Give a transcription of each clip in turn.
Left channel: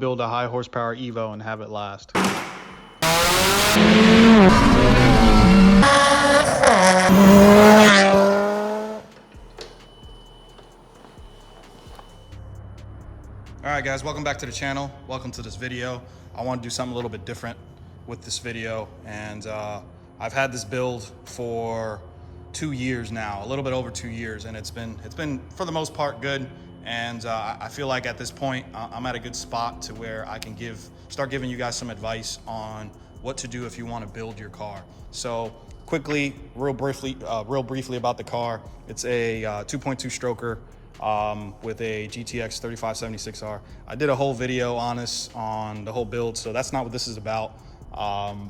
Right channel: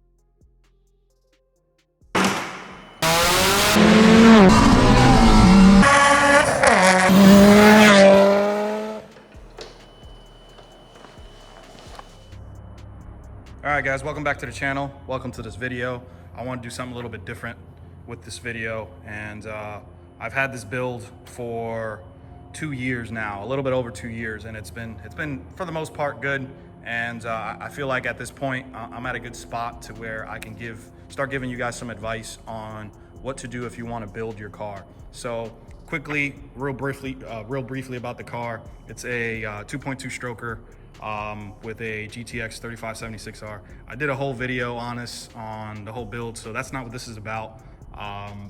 build a high horsepower Evo and have it last. All right, guys, welcome back to the channel. Welcome to this video. I want to do something a little bit different with this video, and I've had this build for 2 years now, a little bit over 2 years, and it's been for the most part good. And I feel like at this point I'm at a good spot to where I can start giving you guys some advice on what to do if you want to build your car. So quickly, real briefly about the car. It's a 2.2 stroker with a GTX 3576R. I did a whole video on this, on the whole build, so that's not what this is about.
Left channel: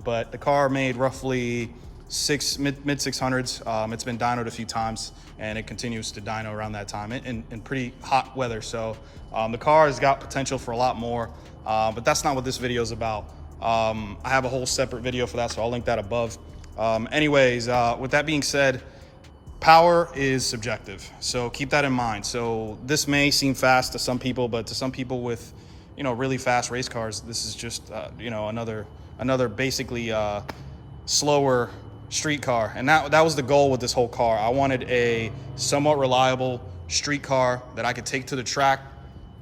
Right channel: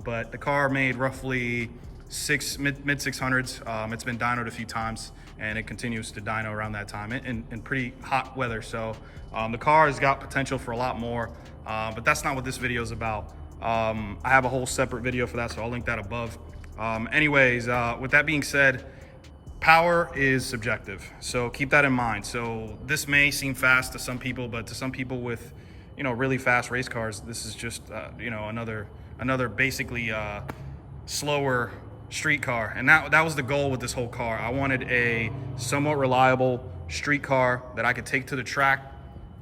But the car made roughly mid 600s. It's been dynoed a few times, and it continues to dyno around that time in pretty hot weather. So the car has got potential for a lot more, but that's not what this video is about. I have a whole separate video for that, so I'll link that above. Anyways, with that being said, power is subjective, so keep that in mind. So this may seem fast to some people, but to some people with, really fast race cars, this is just, another basically slower street car. And that was the goal with this whole car. I wanted a somewhat reliable street car that I could take to the track.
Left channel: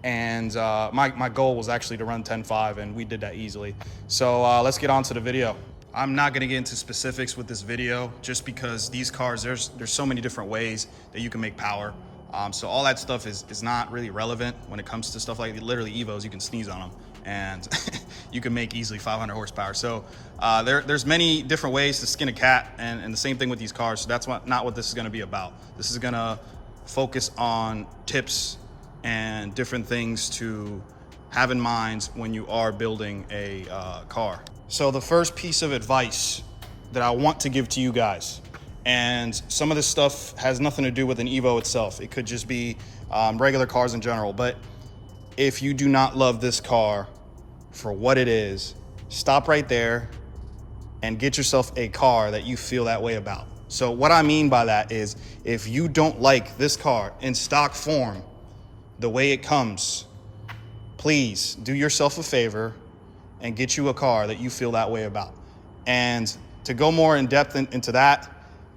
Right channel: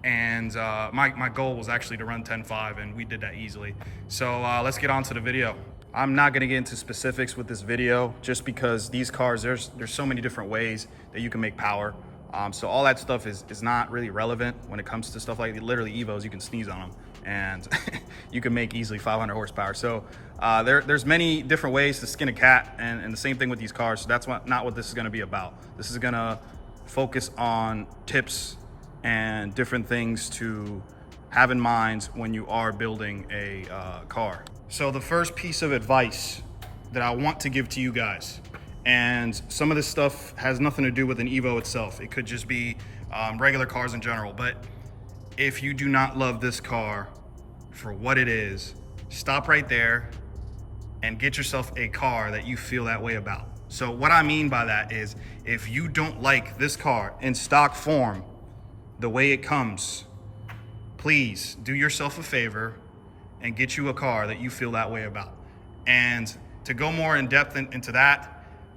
And my goal was actually to run 10.5, and we did that easily. So let's get on to the video. I'm not gonna get into specifics with this video just because these cars, there's so many different ways that you can make power. So all that stuff is not really relevant when it comes to stuff like literally Evos. You can sneeze on them and you can make easily 500 horsepower. So there's many different ways to skin a cat, and the same thing with these cars. So that's not what this is gonna be about. This is gonna focus on tips and different things to have in mind when you are building a car. So the first piece of advice that I want to give to you guys, and some of this stuff has nothing to do with an Evo itself. It could just be regular cars in general. But if you do not love this car for what it is, stop right there and get yourself a car that you feel that way about. So what I mean by that is, if you don't like this car in stock form, the way it comes, please do yourself a favor and get you a car that you feel that way about. And to go more in depth into that,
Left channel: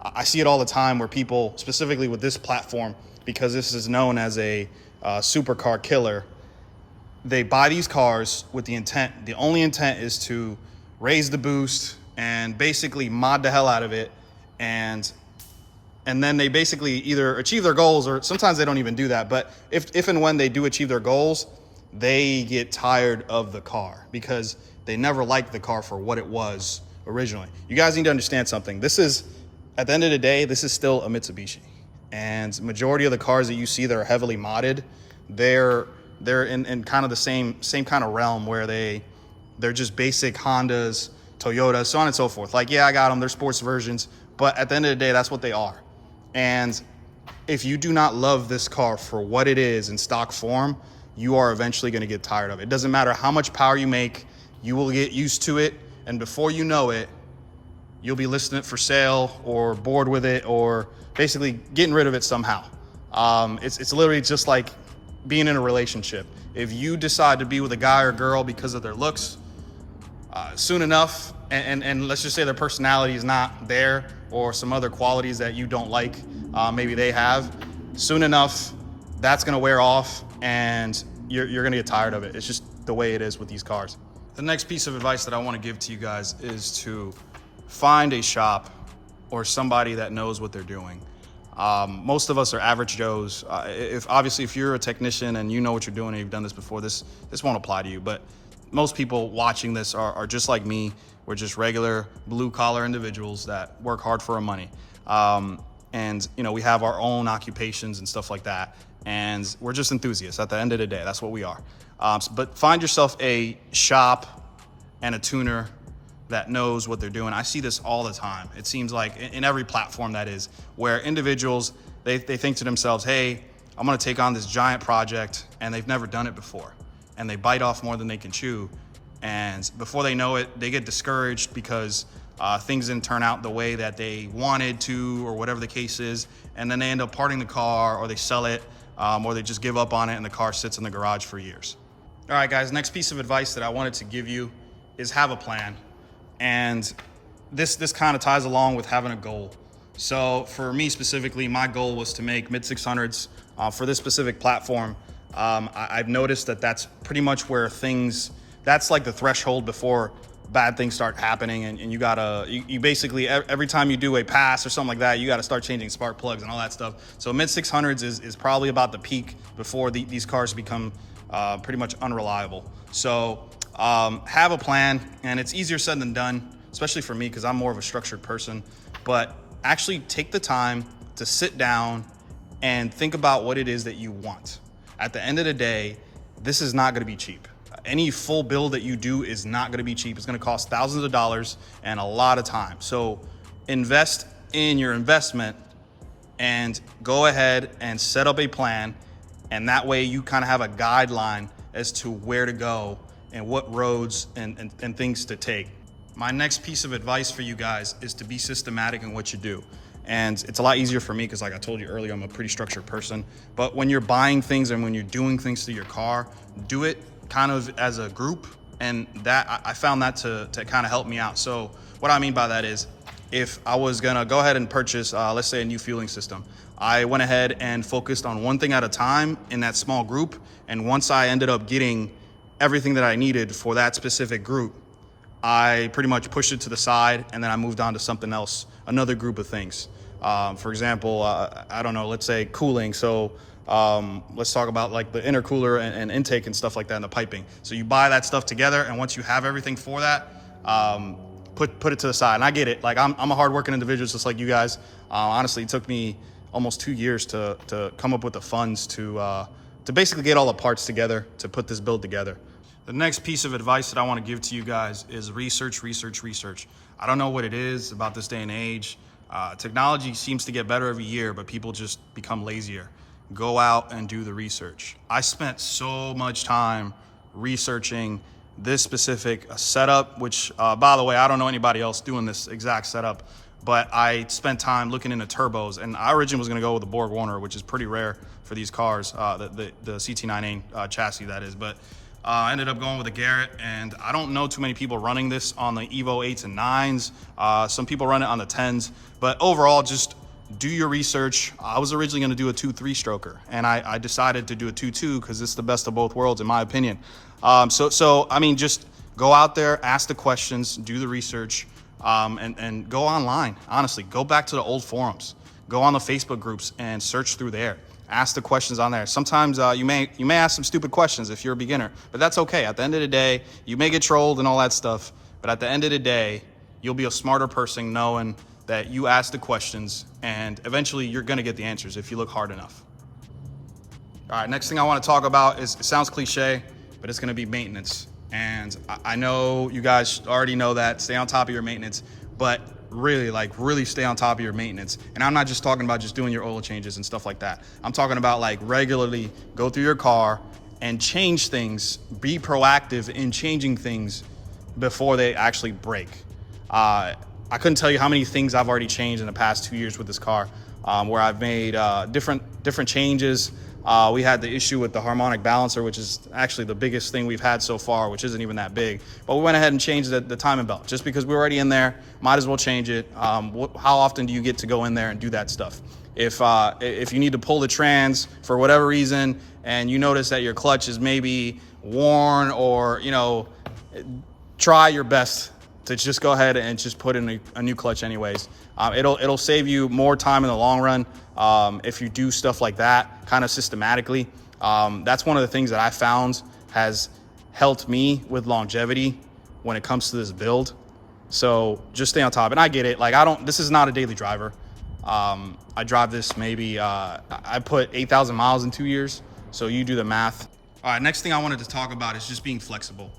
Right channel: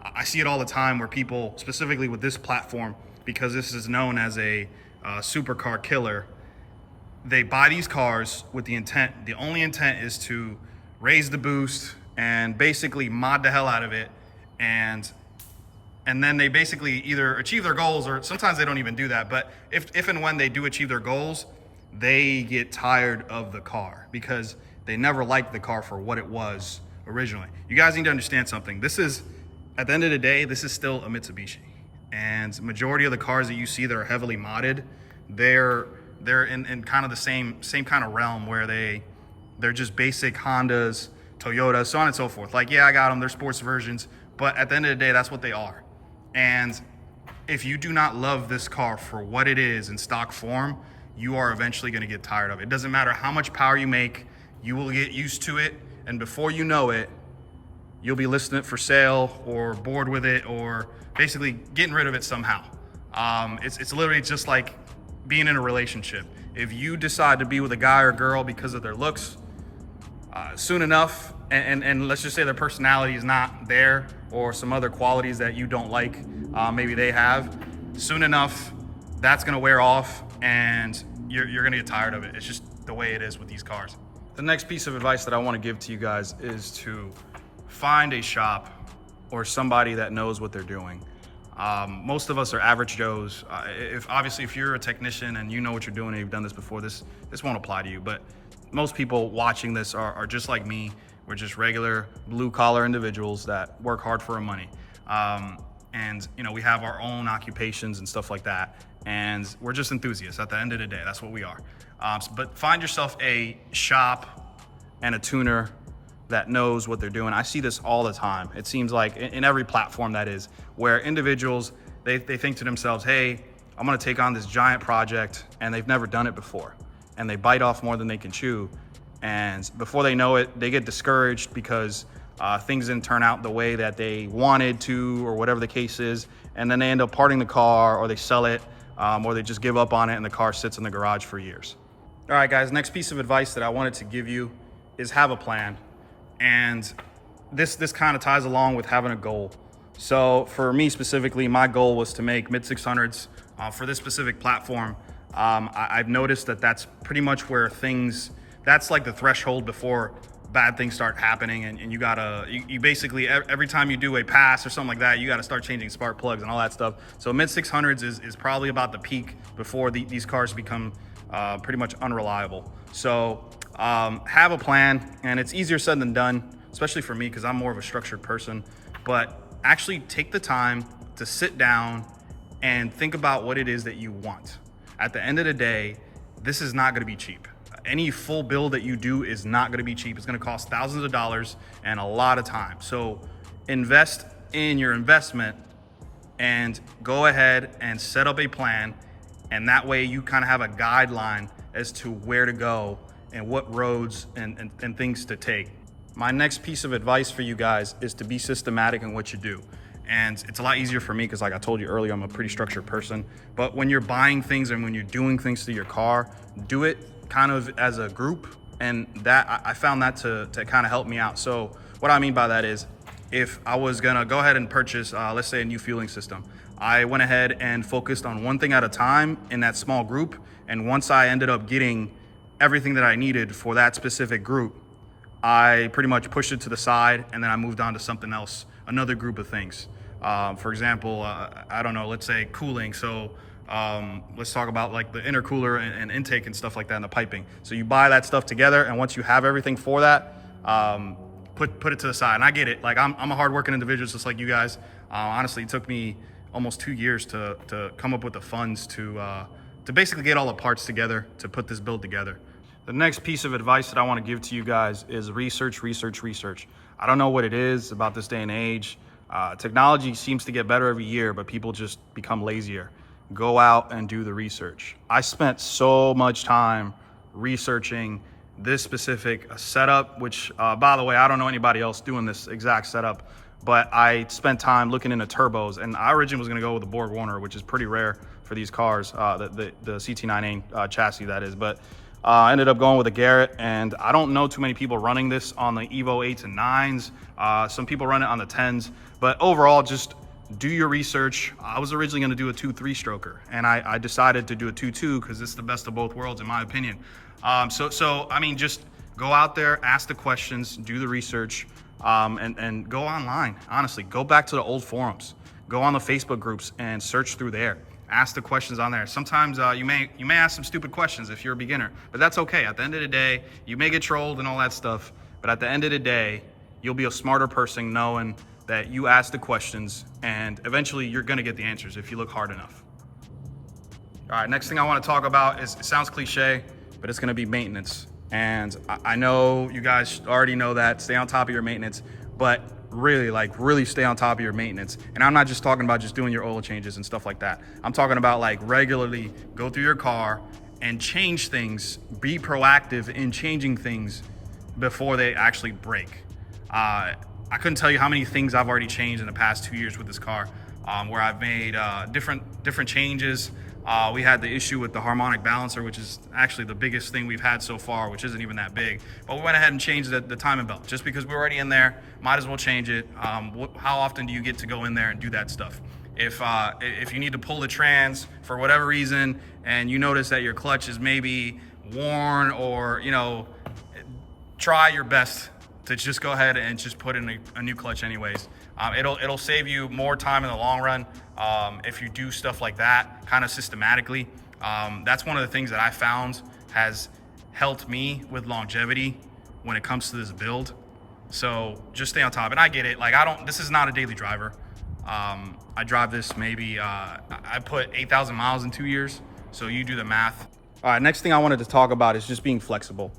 I see it all the time where people, specifically with this platform, because this is known as a supercar killer, they buy these cars with the only intent is to raise the boost and basically mod the hell out of it. And then they basically either achieve their goals, or sometimes they don't even do that. But if and when they do achieve their goals, they get tired of the car because they never liked the car for what it was originally. You guys need to understand something. This is, at the end of the day, this is still a Mitsubishi. And majority of the cars that you see that are heavily modded, they're in kind of the same kind of realm where they're just basic Hondas, Toyotas, so on and so forth. Like, yeah, I got them, they're sports versions, but at the end of the day, that's what they are. And if you do not love this car for what it is in stock form, you are eventually going to get tired of it. It doesn't matter how much power you make, you will get used to it. And before you know it, you'll be listing it for sale or bored with it, or basically getting rid of it somehow. It's literally just like being in a relationship. If you decide to be with a guy or girl because of their looks, soon enough, and let's just say their personality is not there, or some other qualities that you don't like, maybe they have, soon enough, that's gonna wear off and you're gonna get tired of it. It's just the way it is with these cars. The next piece of advice that I wanna give to you guys is to find a shop or somebody that knows what they're doing. Most of us are average Joes. If you're a technician and you know what you're doing and you've done this before, this won't apply to you. But most people watching this are just like me. We're just regular blue collar individuals that work hard for our money. And we have our own occupations and stuff like that. And we're just enthusiasts at the end of the day. That's what we are. But find yourself a shop and a tuner that knows what they're doing. I see this all the time. It seems like in every platform that is, where individuals, they think to themselves, hey, I'm gonna take on this giant project, and they've never done it before. And they bite off more than they can chew. And before they know it, they get discouraged because things didn't turn out the way that they wanted to, or whatever the case is. And then they end up parting the car, or they sell it, or they just give up on it and the car sits in the garage for years. All right, guys, next piece of advice that I wanted to give you is have a plan. And this kind of ties along with having a goal. So for me specifically, my goal was to make mid 600s for this specific platform. I've noticed that that's pretty much where that's like the threshold before bad things start happening, and you basically, every time you do a pass or something like that, you gotta start changing spark plugs and all that stuff. So mid 600s is probably about the peak before these cars become pretty much unreliable. So have a plan, and it's easier said than done, especially for me because I'm more of a structured person. But actually take the time to sit down and think about what it is that you want. At the end of the day, this is not gonna be cheap. Any full build that you do is not gonna be cheap. It's gonna cost thousands of dollars and a lot of time. So invest in your investment and go ahead and set up a plan. And that way you kind of have a guideline as to where to go and what roads and things to take. My next piece of advice for you guys is to be systematic in what you do. And it's a lot easier for me because, like I told you earlier, I'm a pretty structured person. But when you're buying things and when you're doing things to your car, do it kind of as a group. And that I found that to kind of help me out. So what I mean by that is, if I was gonna go ahead and purchase, let's say, a new fueling system, I went ahead and focused on one thing at a time in that small group. And once I ended up getting everything that I needed for that specific group, I pretty much pushed it to the side, and then I moved on to something else, another group of things. For example, I don't know, let's say cooling. So let's talk about like the intercooler and intake and stuff like that, and the piping. So you buy that stuff together, and once you have everything for that, put it to the side. And I get it. Like I'm a hardworking individual, just like you guys. Honestly, it took me almost 2 years to come up with the funds to basically get all the parts together to put this build together. The next piece of advice that I want to give to you guys is research. I don't know what it is about this day and age. Technology seems to get better every year, but people just become lazier. Go out and do the research. I spent so much time researching this specific setup, which by the way, I don't know anybody else doing this exact setup, but I spent time looking into turbos, and I originally was gonna go with the Borg Warner, which is pretty rare for these cars, the CT9A chassis that is, but I ended up going with a Garrett, and I don't know too many people running this on the Evo 8s and 9s. Some people run it on the 10s, but overall, just do your research. I was originally gonna do a 2.3 stroker, and I decided to do a 2.2 because it's the best of both worlds in my opinion. So I mean, just go out there, ask the questions, do the research, and go online. Honestly, go back to the old forums, go on the Facebook groups and search through there. Ask the questions on there. Sometimes you may ask some stupid questions if you're a beginner, but that's okay. At the end of the day, you may get trolled and all that stuff, but at the end of the day, you'll be a smarter person knowing that you ask the questions, and eventually you're gonna get the answers if you look hard enough. All right, next thing I wanna talk about is, it sounds cliche, but it's gonna be maintenance. And I know you guys already know that, stay on top of your maintenance, but really stay on top of your maintenance. And I'm not just talking about just doing your oil changes and stuff like that. I'm talking about like regularly go through your car and change things, be proactive in changing things before they actually break. I couldn't tell you how many things I've already changed in the past 2 years with this car, where I've made different changes. We had the issue with the harmonic balancer, which is actually the biggest thing we've had so far, which isn't even that big. But we went ahead and changed the timing belt just because we're already in there. Might as well change it. How often do you get to go in there and do that stuff? If you need to pull the trans for whatever reason and you notice that your clutch is maybe worn, or try your best to just go ahead and just put in a new clutch anyways. It'll save you more time in the long run if you do stuff like that kind of systematically. That's one of the things that I found has helped me with longevity when it comes to this build. So just stay on top. And I get it, like this is not a daily driver. I drive this maybe, I put 8,000 miles in 2 years. So you do the math. All right, next thing I wanted to talk about is just being flexible.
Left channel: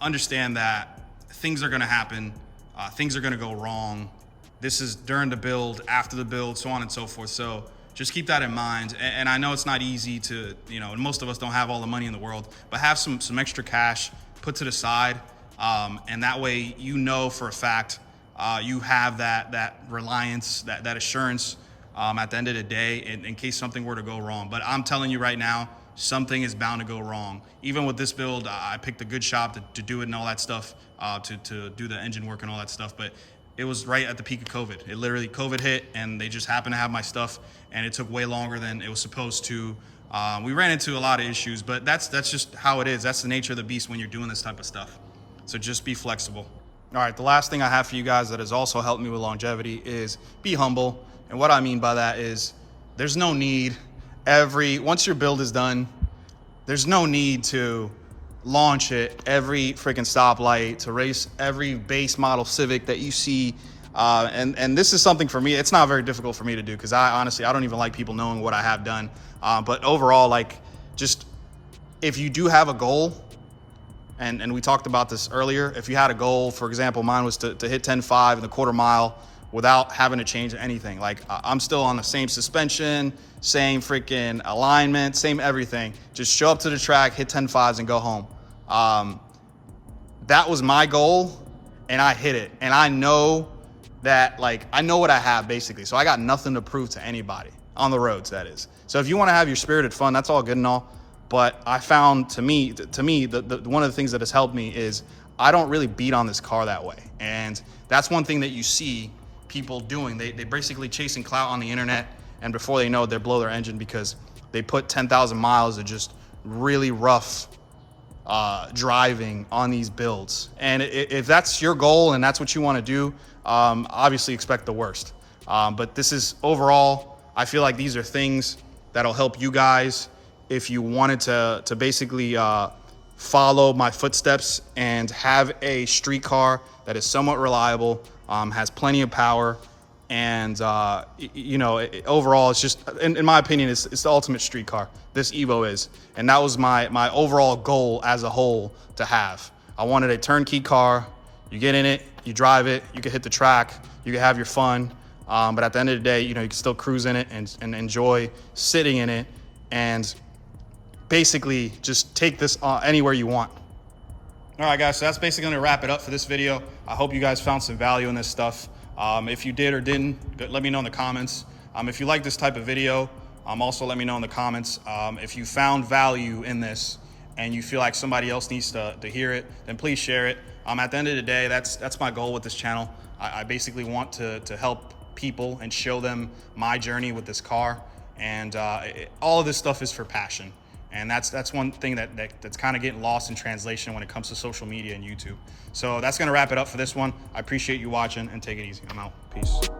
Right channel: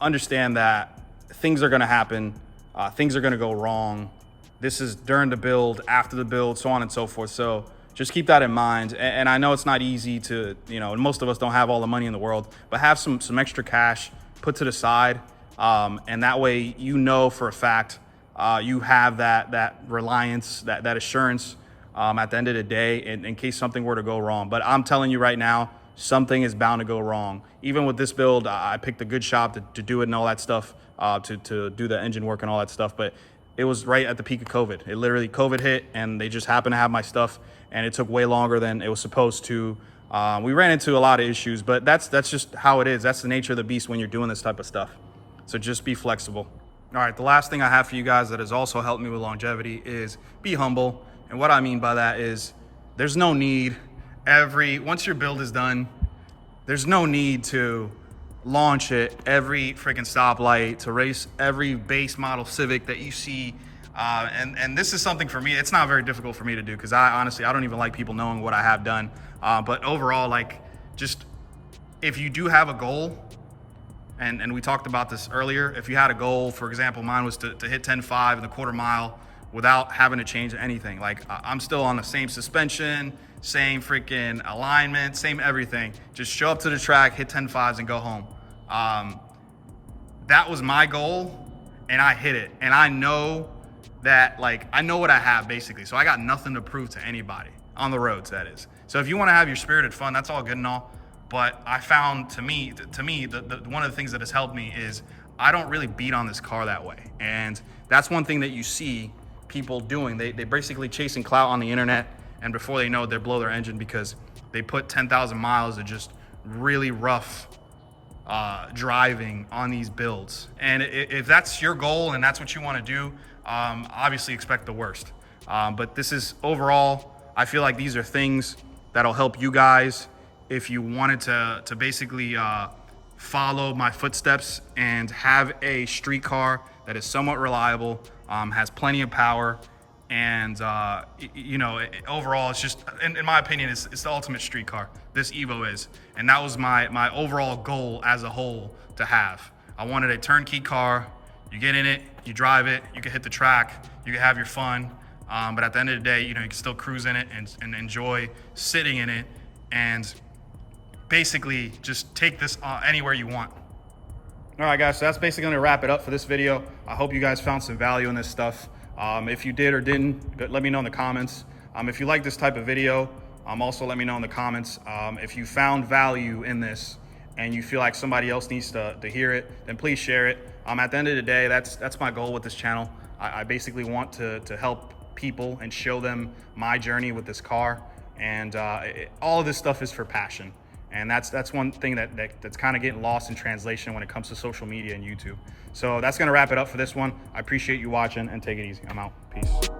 Understand that things are gonna happen, things are gonna go wrong. This is during the build, after the build, so on and so forth. So just keep that in mind. And I know it's not easy to, and most of us don't have all the money in the world, but have some extra cash put to the side. And that way, for a fact, you have that reliance, that assurance at the end of the day in case something were to go wrong. But I'm telling you right now, something is bound to go wrong. Even with this build, I picked a good shop to do it and all that stuff, to do the engine work and all that stuff. But it was right at the peak of COVID. It literally, COVID hit and they just happened to have my stuff, and it took way longer than it was supposed to. We ran into a lot of issues, but that's just how it is. That's the nature of the beast when you're doing this type of stuff. So just be flexible. All right, the last thing I have for you guys that has also helped me with longevity is be humble. And what I mean by that is there's no need once your build is done, there's no need to launch it every freaking stoplight, to race every base model Civic that you see. And this is something for me, it's not very difficult for me to do, because I don't even like people knowing what I have done. But overall, like, just if you do have a goal, and we talked about this earlier, if you had a goal, for example, mine was to hit 10.5 in the quarter mile without having to change anything. Like, I'm still on the same suspension, same freaking alignment, same everything. Just show up to the track, hit 10.5s and go home. That was my goal, and I hit it. And I know that, like, I know what I have basically. So I got nothing to prove to anybody on the roads, that is. So if you want to have your spirited fun, that's all good and all. But I found, to me, one of the things that has helped me is I don't really beat on this car that way. And that's one thing that you see people doing. They basically chasing clout on the internet, and before they know it, they blow their engine because they put 10,000 miles of just really rough driving on these builds. And if that's your goal and that's what you want to do, obviously expect the worst. But this is overall, I feel like these are things that'll help you guys if you wanted to basically follow my footsteps and have a street car that is somewhat reliable, has plenty of power, and you know, overall, it's just, in my opinion, it's the ultimate street car. This Evo is, and that was my overall goal as a whole to have. I wanted a turnkey car. You get in it, you drive it, you can hit the track, you can have your fun, but at the end of the day, you know, you can still cruise in it and enjoy sitting in it, and basically just take this anywhere you want. All right, guys, so that's basically gonna wrap it up for this video. I hope you guys found some value in this stuff. If you did or didn't, let me know in the comments. If you like this type of video, also let me know in the comments. If you found value in this and you feel like somebody else needs to hear it, then please share it. At the end of the day, that's my goal with this channel. I basically want to help people and show them my journey with this car. And all of this stuff is for passion. And that's one thing that's kind of getting lost in translation when it comes to social media and YouTube. So that's gonna wrap it up for this one. I appreciate you watching, and take it easy. I'm out. Peace.